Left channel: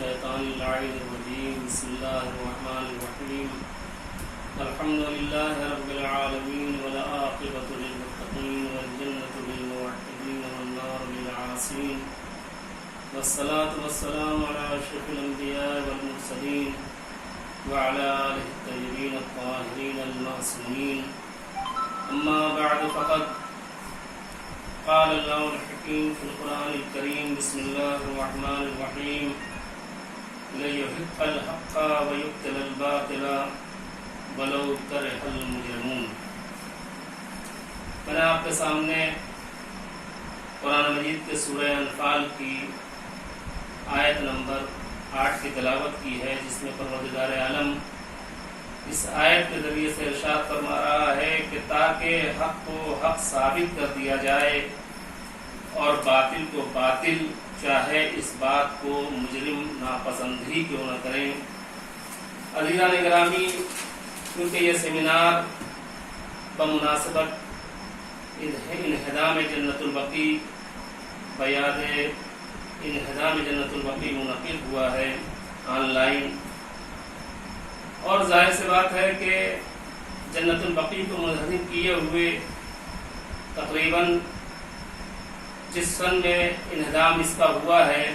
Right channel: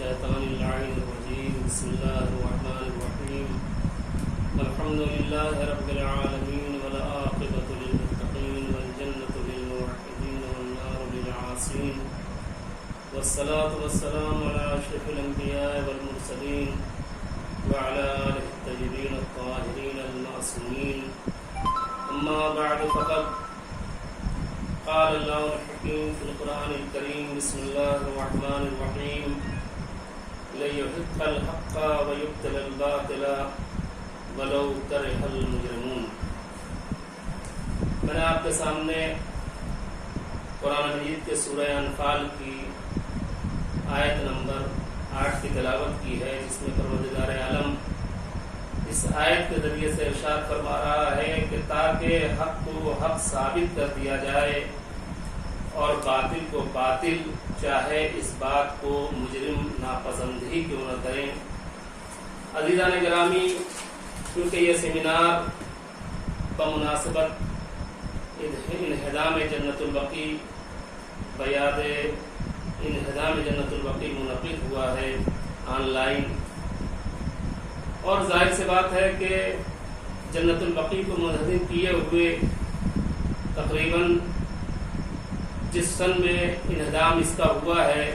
الشيطان اللعين الرجيم بسم الله الرحمن الرحيم الحمد لله رب العالمين والعاقبة للمتقين والجنة للموحدين والنار للعاصين والصلاة والسلام على أشرف الأنبياء والمرسلين وعلى آله الطيبين الطاهرين المعصومين أما بعد فقد قال الله الحكيم في القرآن الكريم بسم الله الرحمن الرحيم ليحق الحق ويبطل الباطل ولو كره المجرمون. میں نے آپ کے سامنے قرآن مجید کے سورہ انفال کی آیت نمبر 8 کی تلاوت کی ہے، جس میں پروردگار عالم اس آیت کے ذریعے سے ارشاد فرما رہا ہے کہ تاکہ حق کو حق ثابت کر دیا جائے اور باطل کو باطل، چاہے اس بات کو مجرم ناپسند ہی کیوں نہ کریں. عزیزان گرامی، کیونکہ یہ سیمینار بمناسبت انہدام جنت البقیع بیاد انہدام جنت البقیع منعقد ہوا ہے آن لائن، اور ظاہر سی بات ہے کہ جنت البقیع کو منہدم کیے ہوئے تقریباً جس سن میں انہدام اس کا ہوا ہے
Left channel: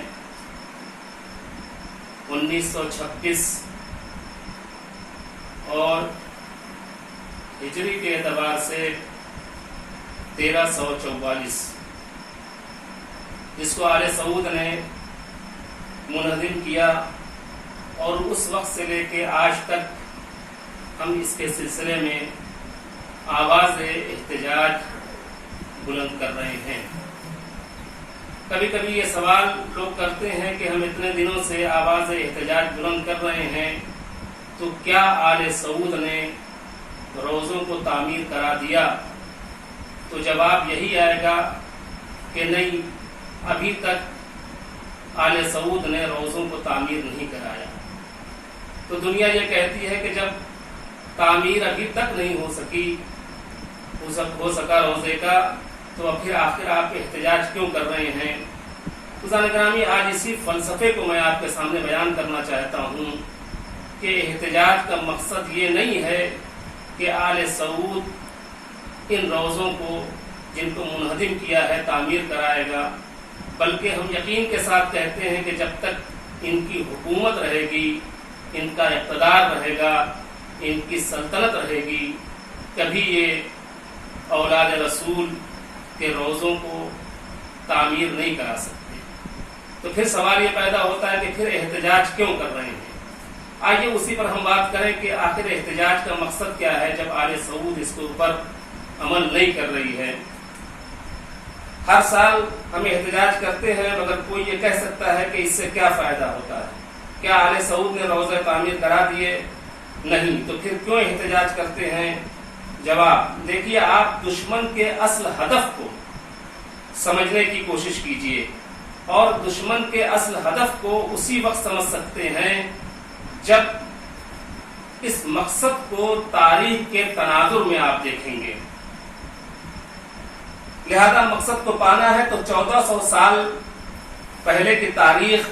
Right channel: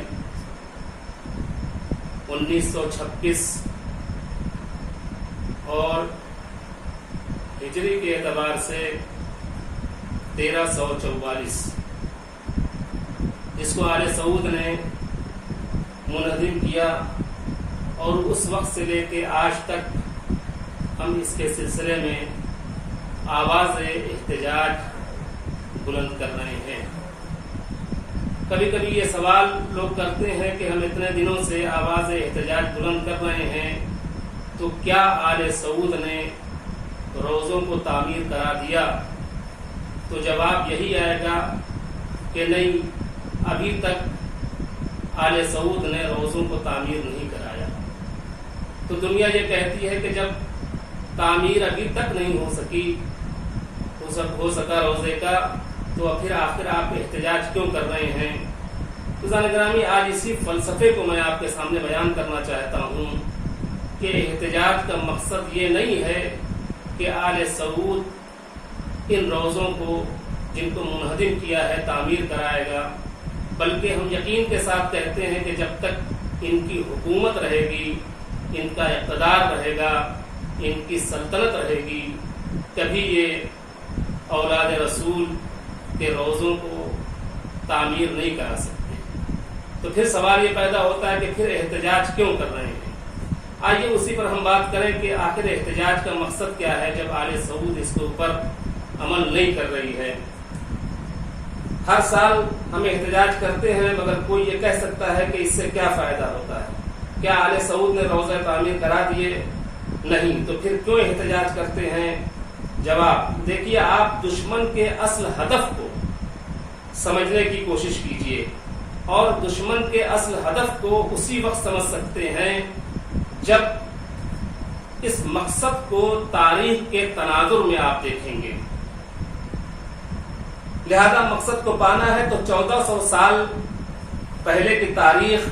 1926 اور ہجری کے اعتبار سے 1344، جس کو آل سعود نے منہدم کیا، اور اس وقت سے لے کے آج تک ہم اس کے سلسلے میں آواز احتجاج بلند کر رہے ہیں. کبھی کبھی یہ سوال لوگ کرتے ہیں کہ ہم اتنے دنوں سے آواز احتجاج بلند کر رہے ہیں، تو کیا آل سعود نے روزوں کو تعمیر کرا دیا؟ تو جواب یہی آئے گا کہ نہیں، ابھی تک آل سعود نے روزوں کو تعمیر نہیں کرایا. تو دنیا یہ کہتی ہے کہ جب تعمیر ابھی تک نہیں ہو سکا روزے کا، تو پھر آخر آپ احتجاج کیوں کر رہے ہیں؟ عزیزان گرامی، آج اسی فلسفے کو میں آپ کے سامنے بیان کرنا چاہتا ہوں کہ احتجاج کا مقصد یہ نہیں ہے کہ آل سعود ان روزوں کو جن کو منہدم کیا ہے تعمیر کرائے گا، بلکہ ہم یقین کے ساتھ کہتے ہیں کہ جب تک ان کی حکومت رہے گی، ان کا اقتدار رہے گا، ان کی سلطنت رہے گی، کبھی یہ اولاد رسول کے روزوں کو تعمیر نہیں کرا سکتے. تو پھر سوال یہ پیدا ہوتا ہے کہ پھر احتجاج کیوں کر رہے ہیں؟ آئیے اسی پر ہم بات کریں کہ آخر احتجاج کا مقصد کیا ہے جب آل سعود اس کے اوپر عمل نہیں کر رہی ہے. ہر سال ہم احتجاج کرتے ہیں، مگر کوئی یہ کہہ سکتا ہے کہ اس سے کیا فائدہ ہوتا ہے؟ کیا آل سعود نے روزہ تعمیر کرا دیے؟ نہیں. تو پھر کیوں احتجاج کرتے ہیں؟ جواب دیکھیے، آپ دشمن کے اصل ہدف کو سمجھنے کی کوشش کیجئے، اور دشمن کے اصل ہدف کو اسی وقت سمجھ سکتے ہیں جب اس مقصد کو تاریخ کے تناظر میں آپ دیکھیں گے. لہذا مقصد کو پانا ہے تو 1400 سال پہلے کی تاریخ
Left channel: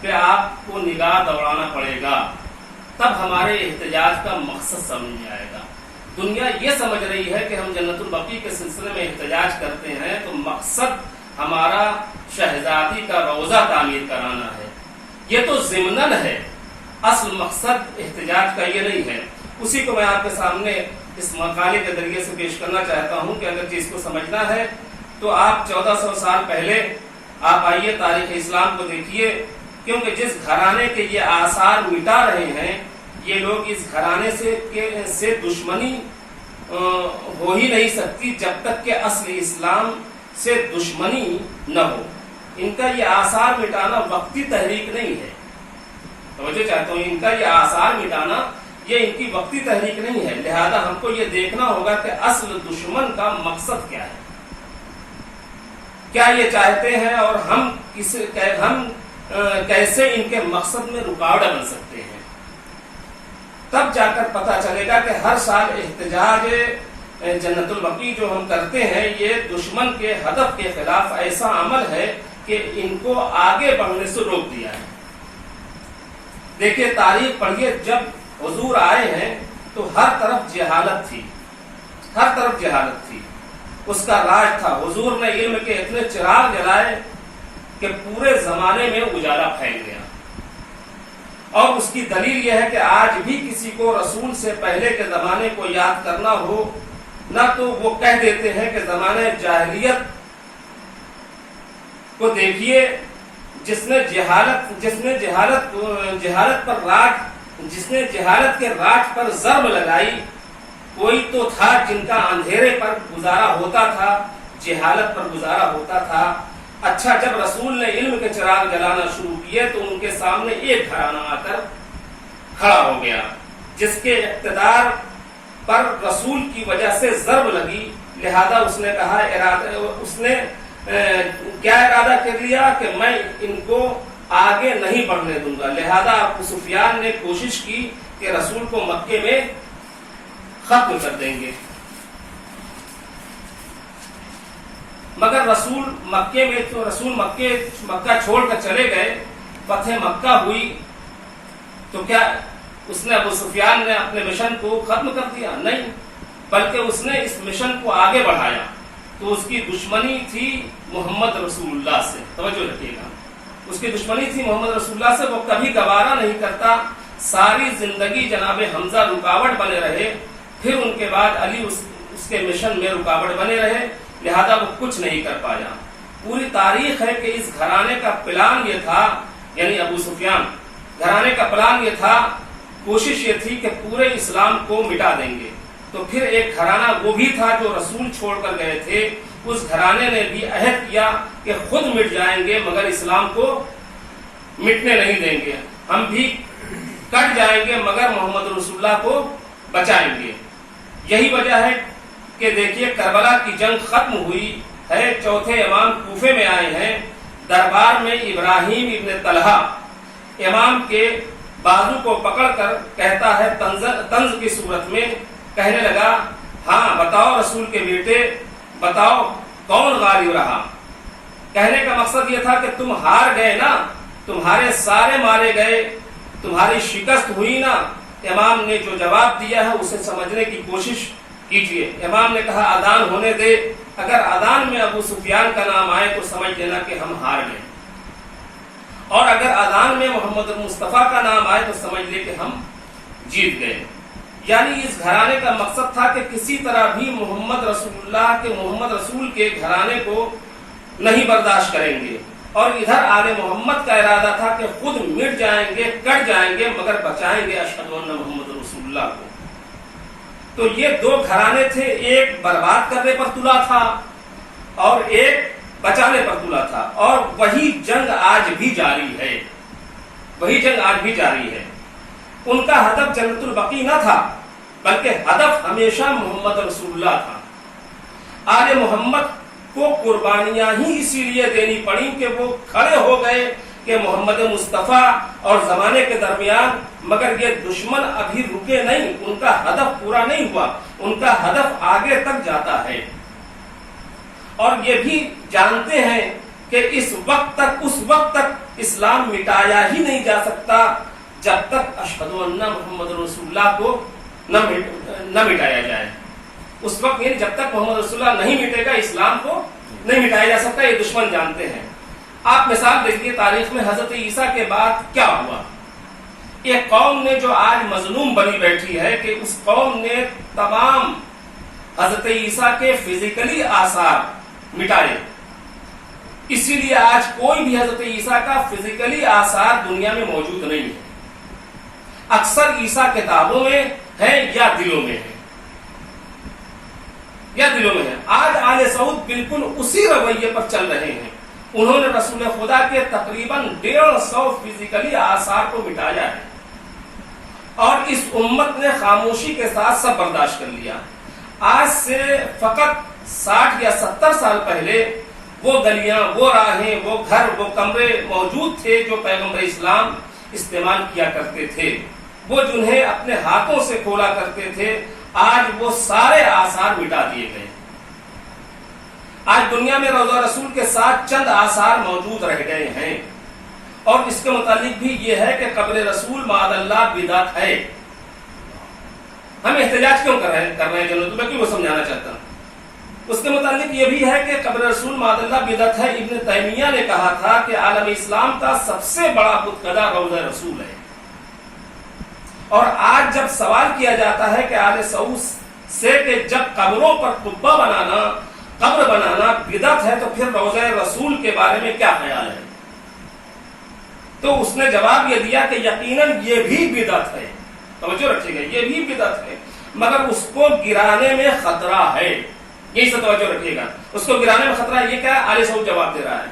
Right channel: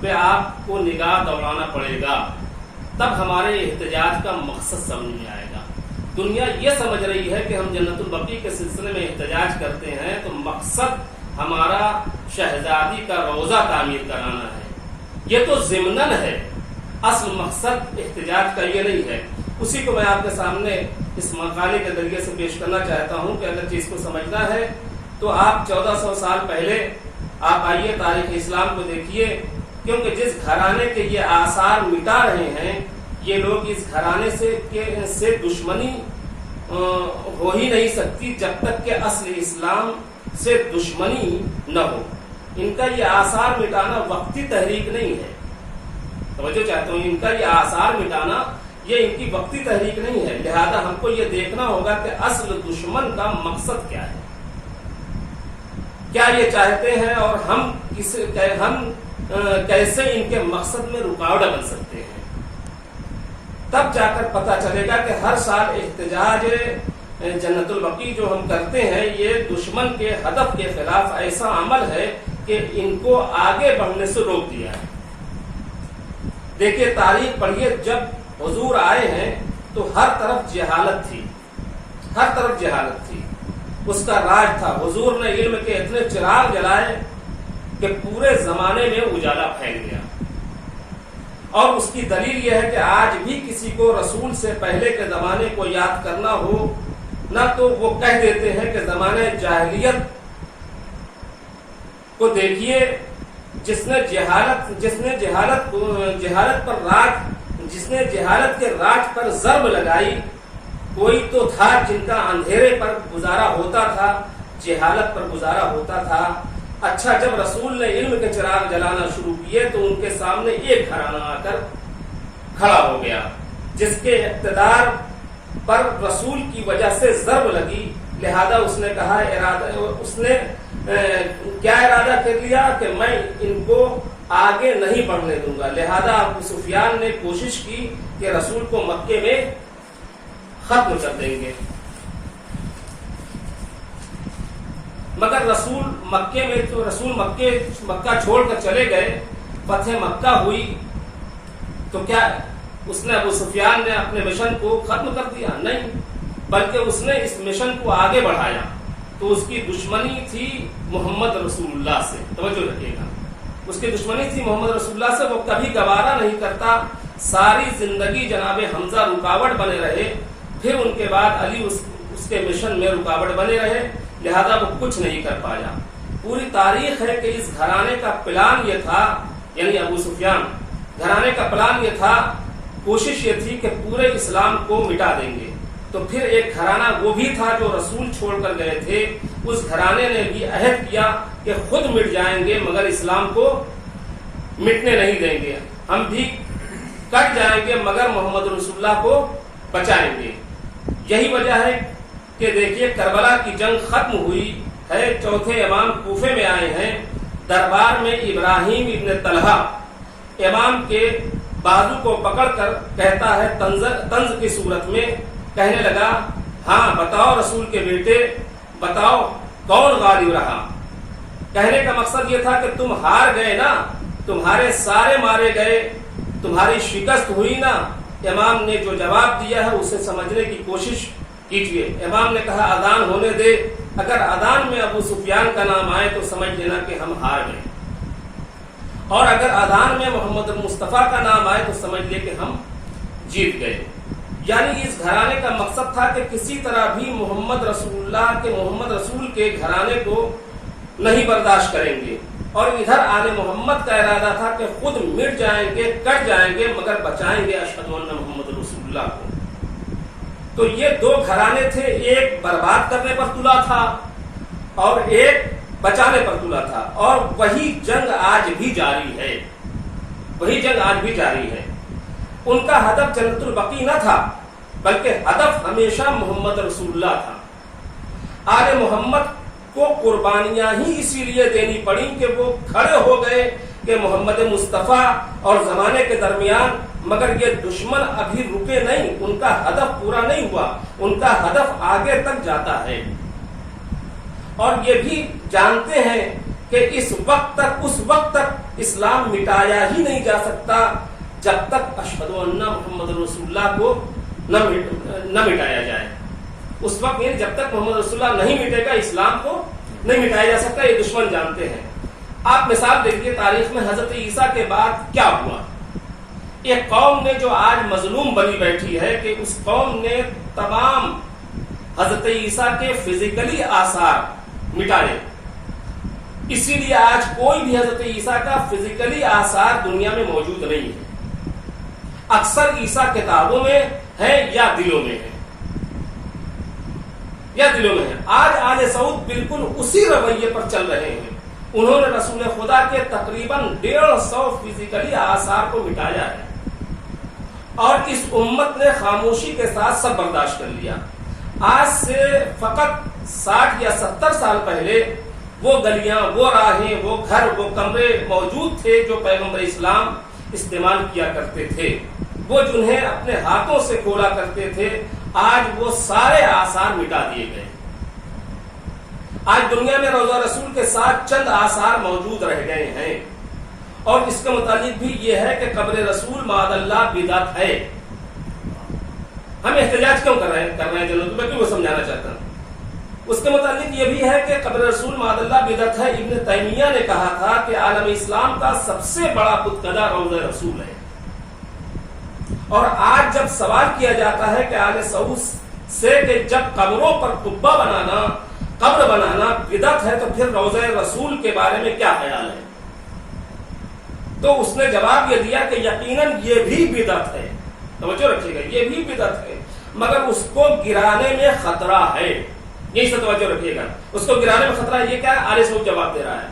پہ آپ کو نگاہ دوڑانا پڑے گا، تب ہمارے احتجاج کا مقصد سمجھ میں آئے گا. دنیا یہ سمجھ رہی ہے کہ ہم جنت البقیع کے سلسلے میں احتجاج کرتے ہیں تو مقصد ہمارا شہزادی کا روزہ تعمیر کرانا ہے. یہ تو ضمناً ہے، اصل مقصد احتجاج کا یہ نہیں ہے. اسی کو میں آپ کے سامنے اس مقالے کے ذریعے سے پیش کرنا چاہتا ہوں کہ اگر چیز کو سمجھنا ہے تو آپ 1400 سال پہلے آپ آئیے تاریخ اسلام کو دیکھیے، کیونکہ جس گھرانے کے یہ آثار مٹا رہے ہیں، یہ لوگ اس گھرانے سے دشمنی ہو ہی نہیں سکتی جب تک کہ اصل اسلام سے دشمنی نہ ہو. ان کا یہ آثار مٹانا وقتی تحریک نہیں ہے. توجہ چاہتا ہوں، ان کا یہ آثار مٹانا یہ ان کی وقتی تحریک نہیں ہے. لہذا ہم کو یہ دیکھنا ہوگا کہ اصل دشمن کا مقصد کیا ہے، کیا یہ چاہتے ہیں، اور ہم کیسے ان کے مقصد میں رکاوٹ بن سکتے ہیں. تب جا کر پتہ چلے گا کہ ہر سال احتجاج جنت البقیع جو ہم کرتے ہیں یہ دشمن کے ہدف کے خلاف ایسا عمل ہے کہ ان کو آگے بڑھنے سے روک دیا ہے. دیکھیے تاریخ پڑھیے، جب حضور آئے ہیں تو ہر طرف جہالت تھی، ہر طرف جہالت تھی، اس کا راج تھا۔ حضور نے علم کے اتنے چراغ جلائے کہ پورے زمانے میں اجالا پھیل گیا۔ اور اس کی دلیل یہ ہے کہ آج بھی کسی کو رسول سے پہلے کے زمانے کو یاد کرنا ہو نہ تو وہ کہہ دیتے ہیں کہ زمانہ جاہلیت کو دیکھیے، جس نے جہالت کے راج پر ضرب لگائی، کوئی تو تھا جن کا اندھیرے پر گزارا ہوتا تھا، جہالت پر گزارا ہوتا تھا۔ اچھا، جب رسول نے علم کے چراغ جلانا شروع کیے تو ان کے سامنے ایک گھرانہ آ کر کھڑا ہو گیا جس کے اقتدار پر رسول کی وجہ سے ضرب لگی، لہذا اس نے کہا، کیا ارادہ کر لیا کہ میں ان کو آگے نہیں بڑھنے دوں گا۔ لہذا ابو سفیان نے کوشش کی کہ رسول کو مکے میں ختم کر دیں گے، مگر رسول مکہ چھوڑ کر چلے گئے۔ فتح مکہ ہوئی تو کیا اس نے ابو سفیان نے اپنے مشن کو ختم کر دیا؟ نہیں، بلکہ اس نے اس مشن کو آگے بڑھایا۔ تو اس کی دشمنی تھی محمد رسول اللہ سے، توجہ رکھیے گا، اس کی دشمنی تھی محمد رسول اللہ سے، وہ کبھی گوارا نہیں کرتا، ساری زندگی جناب حمزہ رکاوٹ بنے رہے، پھر ان کے بعد علی اس کے مشن میں رکاوٹ بنے رہے، لہذا وہ کچھ نہیں کر پایا۔ پوری تاریخ ہے کہ اس گھرانے کا پلان یہ تھا، یعنی ابو سفیان گھرانے کا پلان یہ تھا، کوشش یہ تھی کہ پورے اسلام کو مٹا دیں گے۔ تو پھر ایک گھرانہ وہ بھی تھا جو رسول چھوڑ کر گئے تھے، اس گھرانے نے بھی عہد کیا کہ خود مٹ جائیں گے مگر اسلام کو مٹنے نہیں دیں گے، ہم بھی کٹ جائیں گے مگر محمد رسول اللہ کو بچائیں گے۔ یہی وجہ ہے کہ دیکھیے کربلا کی جنگ ختم ہوئی ہے، چوتھے امام کوفے میں آئے ہیں، دربار میں ابراہیم ابن طلحہ امام کے بازو کو پکڑ کر کہتا ہے طنز کی صورت میں، کہنے لگا، ہاں بتاؤ رسول کے بیٹے، بتاؤ کون غالب رہا؟ کہنے کا مقصد یہ تھا کہ تم ہار گئے نا، تمہارے سارے مارے گئے، تمہاری شکست ہوئی نا۔ امام نے جو جواب دیا ہے اسے سمجھنے کی کوشش کیجئے۔ امام نے کہا، اذان ہونے دے، اگر اذان میں ابو سفیان کا نام آئے تو سمجھ لینا کہ ہم ہار گئے، اور اگر اذان میں محمد مصطفیٰ کا نام آئے تو سمجھ لے کہ ہم جیت گئے۔ یعنی اس گھرانے کا مقصد تھا کہ کسی طرح بھی محمد رسول کے گھرانے کو نہیں برداشت کریں گے، اور ادھر آل محمد کا ارادہ تھا کہ خود مٹ جائیں گے، کٹ جائیں گے مگر بچائیں گے اشہد ان محمد رسول اللہ کو۔ تو یہ دو گھرانے تھے، ایک برباد کرنے پر تلا تھا اور ایک بچانے پر تلا تھا، اور وہی جنگ آج بھی جاری ہے، وہی جنگ آج بھی جاری ہے۔ ان کا ہدف جنت البقیع نہ تھا بلکہ ہدف ہمیشہ محمد رسول اللہ تھا۔ آل محمد کو قربانیاں ہی اسی لیے دینی پڑی کہ وہ کھڑے ہو گئے کہ محمد مصطفیٰ اور زمانے کے درمیان، مگر یہ دشمن ابھی رکے نہیں، ان کا ہدف پورا نہیں ہوا، ان کا ہدف آگے تک جاتا ہے، اور یہ بھی جانتے ہیں کہ اس وقت تک اسلام مٹایا ہی نہیں جا سکتا جب تک اشہد ان محمد رسول اللہ کو نہ مٹایا جائے۔ اس وقت یعنی جب تک محمد رسول اللہ نہیں مٹے گا، اسلام کو نہیں مٹایا جا سکتا، یہ دشمن جانتے ہیں۔ آپ مثال دیکھیے تاریخ میں حضرت عیسیٰ کے بعد کیا ہوا۔ ایک قوم نے جو آج مظلوم بنی بیٹھی ہے کہ اس قوم نے تمام حضرت عیسیٰ کے فزیکلی آثار مٹائے، اسی لیے آج کوئی بھی حضرت عیسیٰ کا فزیکلی آثار دنیا میں موجود نہیں ہے۔ اکثر عیسیٰ کتابوں میں ہے یا دلوں میں ہے، آج آل سعود بالکل اسی رویے پر چل رہے ہیں۔ انہوں نے رسول خدا کے تقریباً 150 فزیکلی آثار کو مٹایا ہے، اور اس امت نے خاموشی کے ساتھ سب برداشت کر لیا۔ آج سے فقط 60 یا 70 سال پہلے وہ گلیاں، وہ راہیں، وہ گھر، وہ کمرے موجود تھے جو پیغمبر اسلام استعمال کیا کرتے تھے، وہ جنہیں اپنے ہاتھوں سے کھولا کرتے تھے، آج وہ سارے آثار مٹا دیے گئے۔ آج دنیا میں روضہ رسول کے ساتھ چند آثار موجود رہ گئے ہیں، اور اس کے متعلق بھی یہ ہے کہ قبر رسول معاذ اللہ بدعت ہے. ہم احتجاج کیوں کر رہے ہیں جنرل؟ میں کیوں سمجھانا چاہتا ہوں. اس کے متعلق یہ بھی ہے کہ قبر رسول معاذ اللہ بدعت ہے. ابن تیمیہ نے کہا تھا کہ عالم اسلام کا سب سے بڑا بتکدہ روضہ رسول ہے. اور آج جب سوال کیا جاتا ہے کہ آل سعود سے کہ جب قبروں پر قبہ بنانا، قبر بنانا بدعت ہے، تو پھر روضہ رسول کے بارے میں کیا خیال ہے؟ تو اس نے جواب یہ دیا کہ یقیناً یہ بھی بدعت ہے. توجہ رکھیے گا، یہ بھی بدعت ہے، مگر اس کو گرانے میں خطرہ ہے. یہی سے توجہ رکھیے گا، اس کو گرانے میں خطرہ ہے. یہ کیا آل سعود جواب دے رہا ہے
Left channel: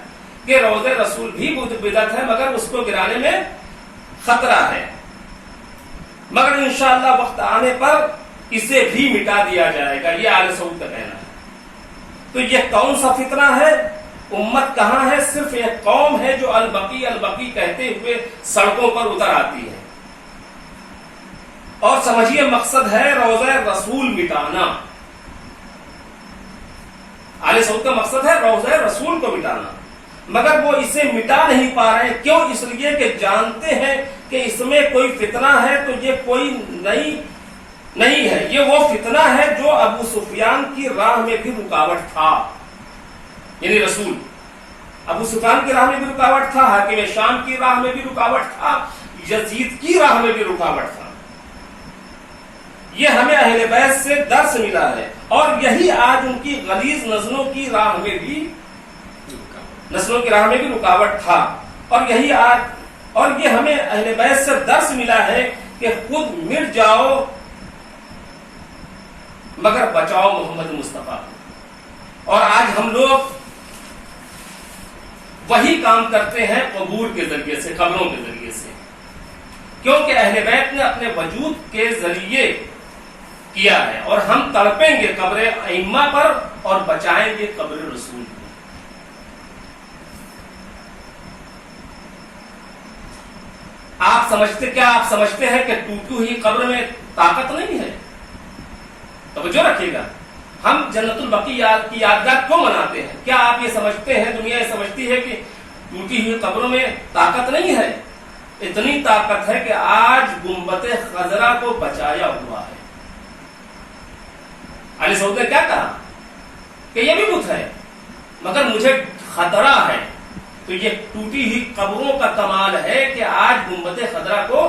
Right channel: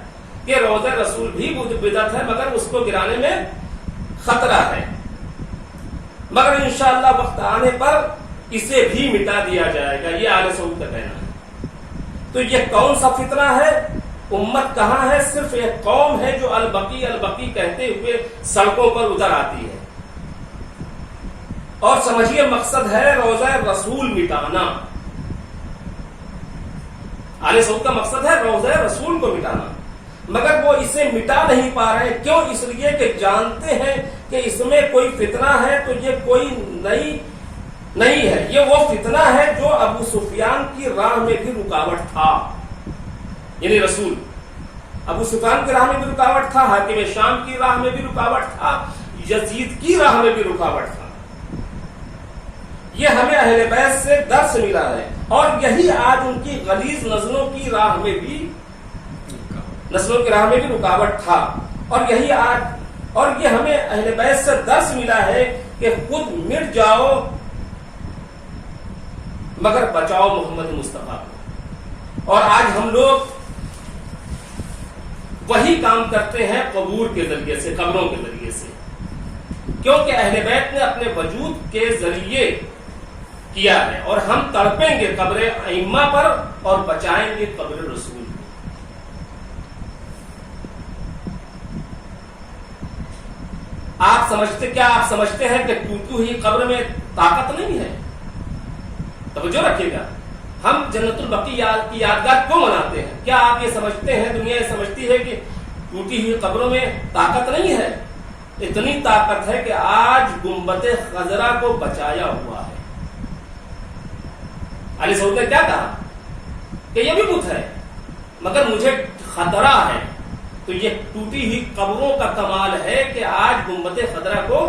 کہ روضہ رسول بھی بدعت ہے، مگر اس کو گرانے میں خطرہ ہے، مگر انشاءاللہ وقت آنے پر اسے بھی مٹا دیا جائے گا. یہ آل سعود کا کہنا ہے. تو یہ کون سا فتنہ ہے؟ امت کہاں ہے؟ صرف ایک قوم ہے جو البقی البقی کہتے ہوئے سڑکوں پر اتر آتی ہے. اور سمجھیے مقصد ہے روضہ رسول مٹانا. آل سعود کا مقصد ہے روضہ رسول کو مٹانا، مگر وہ اسے مٹا نہیں پا رہے ہیں. کیوں؟ اس لیے کہ جانتے ہیں کہ اس میں کوئی فتنہ ہے. تو یہ کوئی نہیں ہے، یہ وہ فتنہ ہے جو ابو سفیان کی راہ میں بھی رکاوٹ تھا. یعنی رسول ابو سفیان کی راہ میں بھی رکاوٹ تھا، حاکم شام کی راہ میں بھی رکاوٹ تھا، یزید کی راہ میں بھی رکاوٹ تھا. یہ ہمیں اہل بیت سے درس ملا ہے، اور یہی آج ان کی غلیظ نسلوں کی راہ میں بھی رکاوٹ تھا. اور یہی آج، اور یہ ہمیں اہل بیت سے درس ملا ہے کہ خود مٹ جاؤ مگر بچاؤ محمد مصطفیٰ کو. اور آج ہم لوگ وہی کام کرتے ہیں قبور کے ذریعے سے، قبروں کے ذریعے سے، کیونکہ اہل بیت نے اپنے وجود کے ذریعے کیا ہے. اور ہم تڑپیں گے قبر ائمہ پر اور بچائیں گے قبر رسول کو. آپ سمجھتے ہیں کہ ٹوٹی ہوئی قبر میں طاقت نہیں ہے؟ توجہ رکھیے گا. ہم جنت البقیع کی یادگار کیوں مناتے ہیں؟ کیا آپ یہ سمجھتے ہیں، دنیا یہ سمجھتی ہے کہ ٹوٹی ہوئی قبروں میں طاقت نہیں ہے؟ اتنی طاقت ہے کہ آج گنبد خضرا کو بچایا ہوا ہے. علی سعود نے کیا کہا کہ یہ بھی بت ہے مگر مجھے خطرہ ہے. تو یہ ٹوٹی ہوئی قبروں کا کمال ہے کہ آج گنبد خضرا کو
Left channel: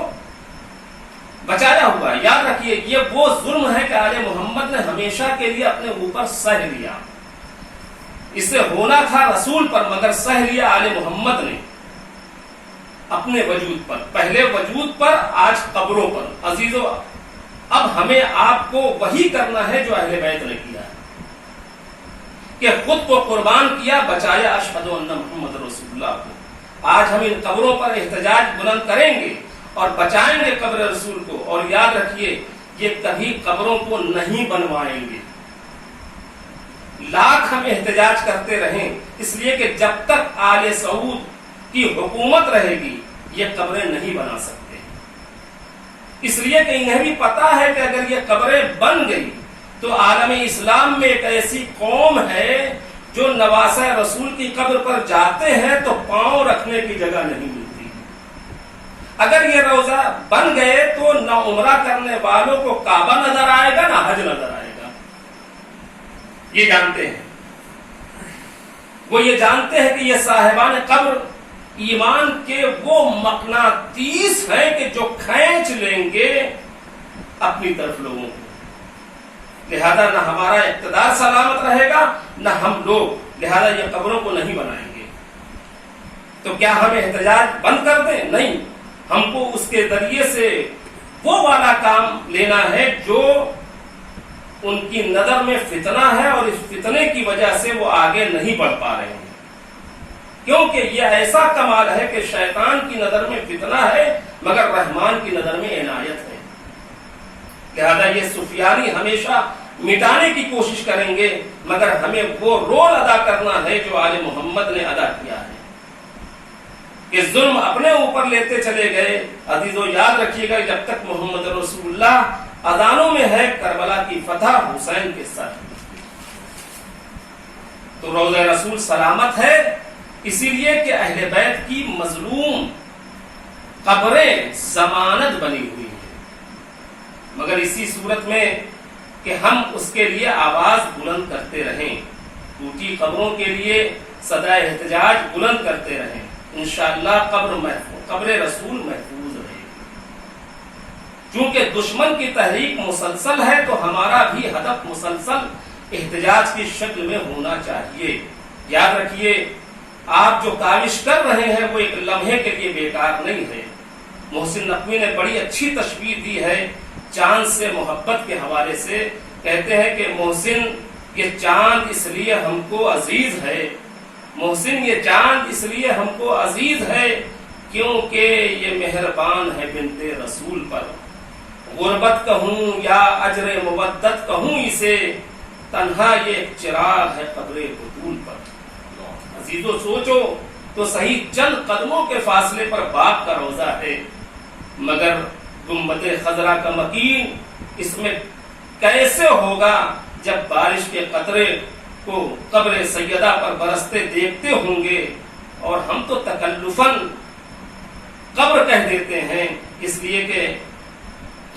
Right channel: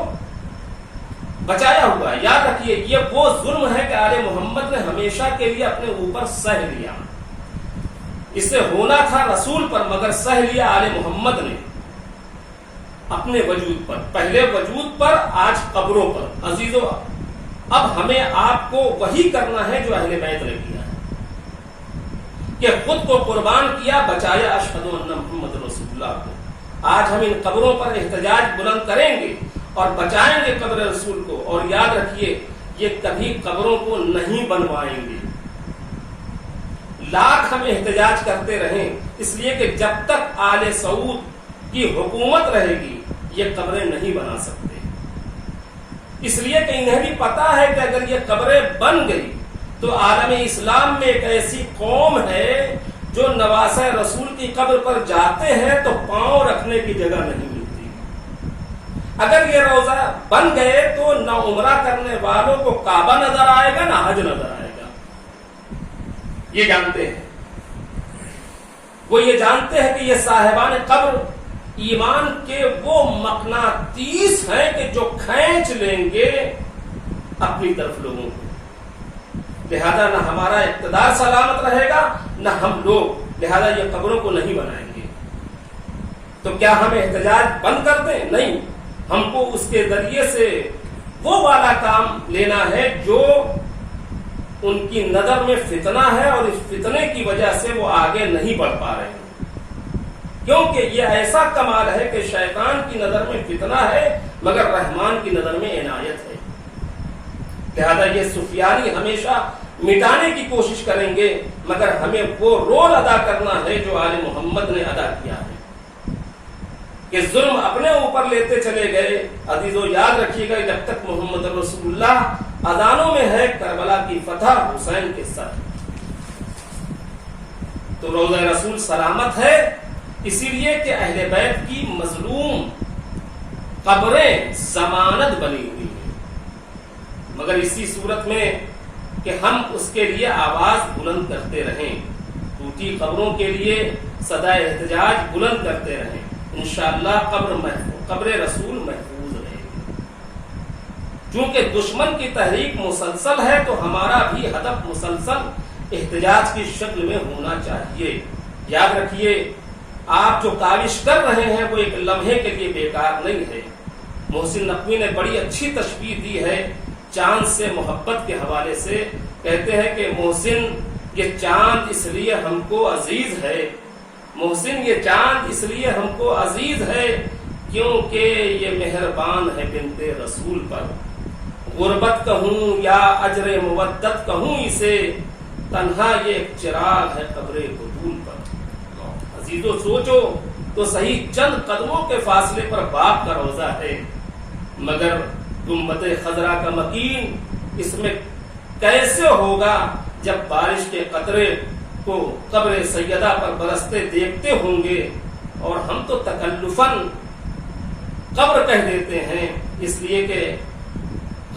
بچایا ہوا ہے. یاد رکھیے، یہ وہ ظلم ہے کہ آل محمد نے ہمیشہ کے لیے اپنے اوپر سہ لیا. اس سے ہونا تھا رسول پر، مگر سہ لیا آل محمد نے اپنے وجود پر. پہلے وجود پر، آج قبروں پر. عزیزو، اب ہمیں آپ کو وہی کرنا ہے جو اہل بیت نے کیا ہے، کہ خود کو قربان کیا، بچایا اشہد ان محمد رسول اللہ کو. آج ہم ان قبروں پر احتجاج بلند کریں گے اور بچائیں گے قبر رسول کو. اور یاد رکھیے، یہ کبھی قبروں کو نہیں بنوائیں گے. لاکھ ہم احتجاج کرتے رہیں، اس لیے کہ جب تک آل سعود کی حکومت رہے گی یہ قبریں نہیں بنا سکتے. اس لیے کہ انہیں بھی پتا ہے کہ اگر یہ قبریں بن گئی تو عالم اسلام میں ایک ایسی قوم ہے جو نواسہ رسول کی قبر پر جاتے ہیں تو پاؤں رکھنے کی جگہ نہیں ملتی. اگر یہ روضہ بن گئے تو نہ عمرہ کرنے والوں کو کعبہ نظر آئے گا، نہ حج نظر آئے گا. یہ جانتے ہیں، وہ یہ جانتے ہیں کہ یہ صاحبان قبر ایمان کے وہ مقناطیس ہیں کہ جو کھینچ لیں گے اپنی طرف لوگوں کو. لہذا نہ ہمارا اقتدار سلامت رہے گا نہ ہم لوگ، لہذا یہ قبروں کو نہیں بنائیں گے. تو کیا ہم احتجاج بند کر دیں؟ نہیں، ہم کو اس کے ذریعے سے وہ والا کام لینا ہے جو ان کی نظر میں فتنہ ہے، اور اس فتنے کی وجہ سے وہ آگے نہیں بڑھ پا رہے ہیں. کیونکہ یہ ایسا کمال ہے کہ شیطان کی نظر میں فتنہ ہے مگر رحمان کی نظر میں عنایت ہے. لہذا یہ سفیانی ہمیشہ مٹانے کی کوشش کریں گے، مگر ہمیں وہ رول ادا کرنا ہے جو آل محمد نے ادا کیا ہے کہ ظلم اپنے اوپر لیتے چلے گئے. عزیزو، یاد رکھیے گا، جب تک محمد رسول اللہ اذانوں میں ہے کربلا کی فتح حسین کے ساتھ. تو روضہ رسول سلامت ہے، اسی لیے کہ اہل بیت کی مظلوم قبریں ضمانت بنی ہوئی ہیں، مگر اسی صورت میں کہ ہم اس کے لیے آواز بلند کرتے رہیں، ٹوٹی قبروں کے لیے صدائے احتجاج بلند کرتے رہیں، انشاءاللہ قبر رسول محفوظ رہے۔ چونکہ دشمن کی تحریک مسلسل ہے تو ہمارا بھی ہدف مسلسل احتجاج کی شکل میں ہونا چاہیے۔ یاد رکھیے، آپ جو کاوش کر رہے ہیں وہ ایک لمحے کے لیے بیکار نہیں ہے۔ محسن نقوی نے بڑی اچھی تشبیہ دی ہے چاند سے محبت کے حوالے سے، کہتے ہیں کہ محسن یہ چاند اس لیے ہم کو عزیز ہے، محسن یہ چاند اس لیے ہم کو عزیز ہے کیونکہ یہ مہربان ہے بنت رسول پر، غربت کہوں یا اجر مودت کہوں اسے، تنہا یہ ایک چراغ ہے قبر بطول پر۔ عزیزو سوچو تو صحیح چند قدموں کے فاصلے پر باپ کا روضہ ہے، مگر گنبد خضرا کا مکین اس میں کیسے ہوگا جب بارش کے قطرے کو قبر سیدہ پر برستے دیکھتے ہوں گے، اور ہم تو تکلفاً قبر کہہ دیتے ہیں، اس لیے کہ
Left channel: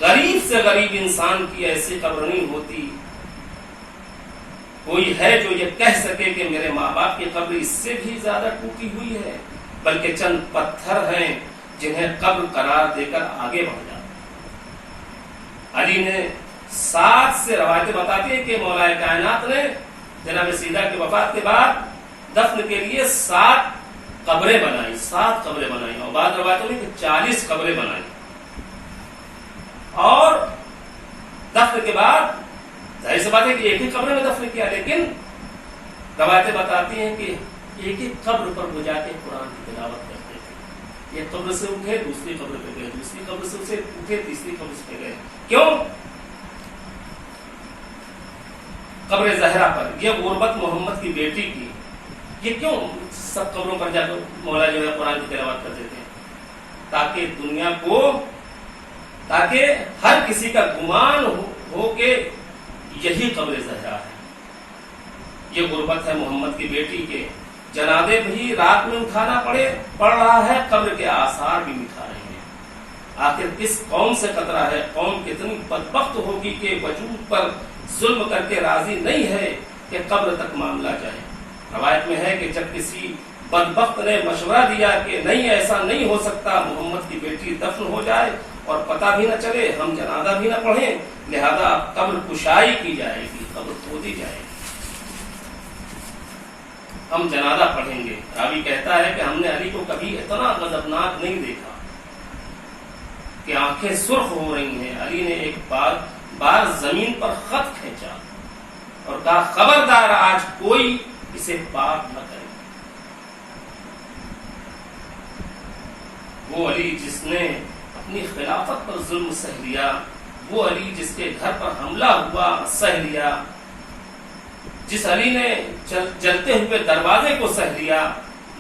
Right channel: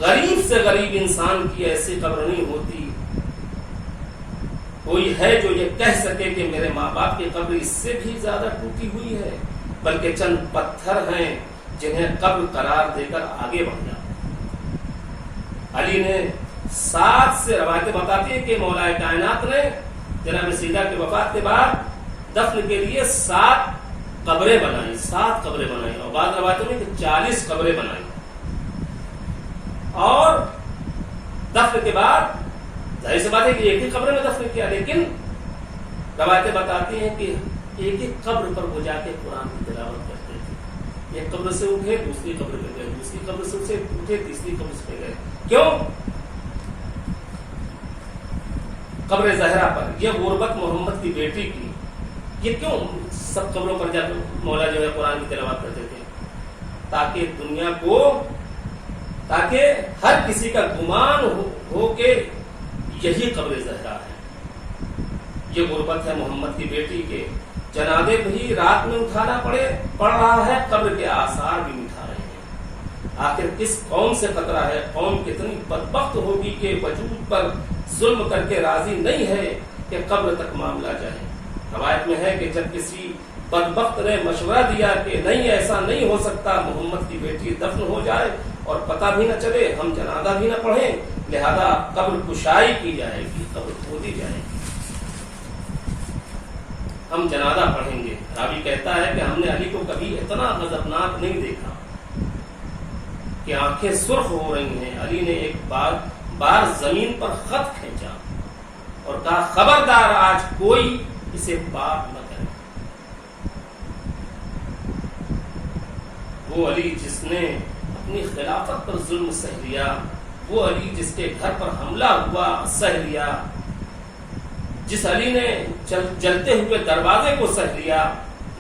غریب سے غریب انسان کی ایسی قبر نہیں ہوتی۔ کوئی ہے جو یہ کہہ سکے کہ میرے ماں باپ کی قبر اس سے بھی زیادہ ٹوٹی ہوئی ہے؟ بلکہ چند پتھر ہیں جنہیں قبر قرار دے کر آگے بڑھ جاتا۔ علی نے 7 سے روایتیں بتاتی ہیں کہ مولا کائنات نے جناب سیدہ کی وفات کے بعد دفن کے لیے 7 قبریں بنائی، 7 قبریں بنائی، اور بعض روایتوں میں 40 قبریں بنائی، اور دفن کے بعد ظاہر سی بات ہے کہ ایک ہی قبر میں دفن کیا، لیکن روایتیں بتاتی ہیں کہ ایک ایک قبر پر وہ جا کے قرآن کی تلاوت کرتے تھے۔ ایک قبر سے اٹھے دوسری قبر پہ گئے، دوسری قبر سے اٹھے تیسری قبر پہ گئے۔ کیوں؟ قبر زہرا پر، یہ غربت محمد کی بیٹی کی، یہ کیوں سب قبروں پر جا کے مولا جو ہے قرآن کی تلاوت کرتے تھے؟ تاکہ دنیا کو، تاکہ ہر کسی کا گمان ہو کہ یہی قبر زہرا ہے، یہ غربت ہے محمد کی بیٹی کے۔ جنازے بھی رات میں اٹھانا پڑ رہا ہے، قبر کے آثار بھی مٹھا رہے ہیں۔ آخر کس قوم سے خطرہ ہے؟ قوم کتنی بدبخت ہوگی کہ وجود پر ظلم کر کے راضی نہیں ہے کہ قبر تک معاملہ جائے۔ روایت میں ہے کہ جب کسی بدبخت نے مشورہ دیا کہ نہیں ایسا نہیں ہو سکتا، محمد کی بیٹی دفن ہو جائے اور پتہ بھی نہ چلے، ہم جنازہ بھی نہ پڑھیں، لہذا قبر کشائی کی جائے گی، قبر کھودی جائے گی، ہم جنازہ پڑھیں گے۔ راوی کہتا ہے کہ ہم نے علی کو کبھی اتنا غضبناک نہیں دیکھا کہ آنکھیں سرخ ہو رہی ہیں۔ علی نے ایک بار زمین پر خط کھینچا اور کہا خبردار آج کوئی اسے پاک نہ کرے۔ وہ علی جس نے اپنی خلافت پر ظلم سہ لیا، وہ علی جس کے گھر پر حملہ ہوا سہ لیا، جس علی نے جلتے ہوئے دروازے کو سہ لیا،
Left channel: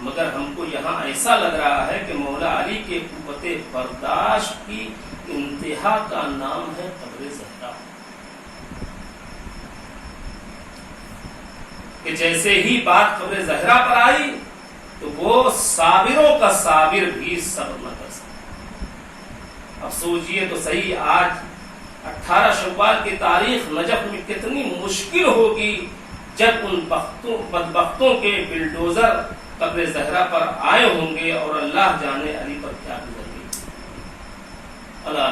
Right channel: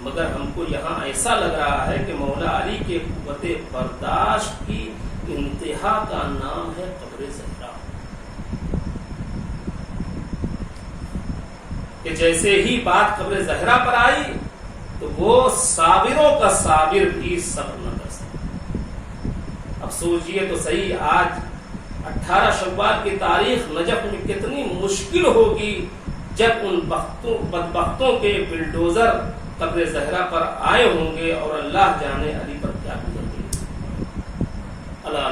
مگر ہم کو یہاں ایسا لگ رہا ہے کہ مولا علی کے قوت برداشت کی انتہا کا نام ہے قبر زہرا، کہ جیسے ہی بات قبر زہرا پر آئی تو وہ صابروں کا صابر بھی صبر نہ کر سکا۔ اب سوچئے تو صحیح، آج 18 شوال کی تاریخ نجف میں کتنی مشکل ہوگی جب ان بدبختوں کے بلڈوزر قبر زہرا پر آئے ہوں گے، اور اللہ جانے علی پر کیا گزر گئی۔ اللہ